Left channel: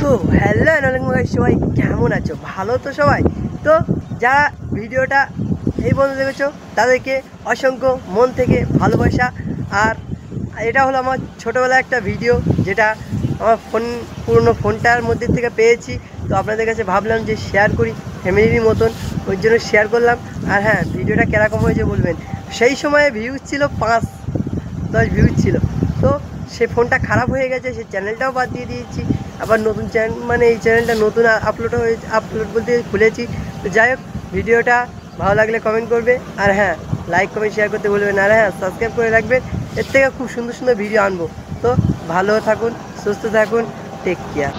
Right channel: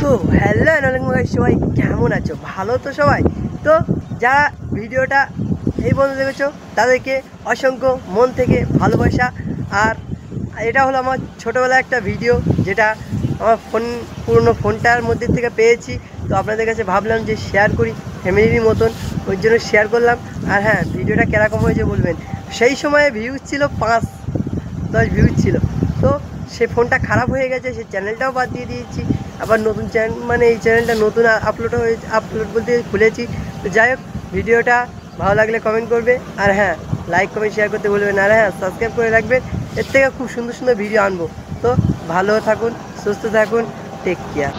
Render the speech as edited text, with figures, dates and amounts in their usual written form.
তো হ্যালো সবাই কেমন আছো? ভালো তো সবাই? তো যারা ভিডিওটা এই পর্যন্ত দেখেছো তাদেরকে অসংখ্য মন থেকে ভালোবাসা। আর এটা হলো আমার ছোটোবেলার একটা ভিডিও, যেটা আমার পুরনো ফোনটার মধ্যে থেকে পেয়েছি। তো আপনাদের কাছে ভাবলাম যে শেয়ার করি ফ্যামিলির মতন, ওই জন্য শেয়ার করলাম। আর হ্যাঁ, ভিডিওটা কীরকম হয়েছে বলবেন। সেই সময়ে ভিউজ ছিল 5-10 ভিউজ ছিল। তো সে ফোনটা খারাপ হয়ে গেছে, সেই চ্যানেলটাও বাদ দিয়ে দিয়েছি। আবার নতুন চ্যানেল, মানে এই চ্যানেলটা নতুন আপলোড বলতে খুলেছি। তো যাই হোক, ভিডিওটা ভালো লাগলে কমেন্ট করবে, আর হ্যাঁ লাইক কমেন্ট শেয়ার করতে বলবেন, আর হ্যাঁ সাবস্ক্রাইব করে রাখবেন। এর থেকে খুব সুন্দর সুন্দর ভিডিও আনবো। তো ভালো থাকুন, সুস্থ থাকুন, টেক কেয়ার।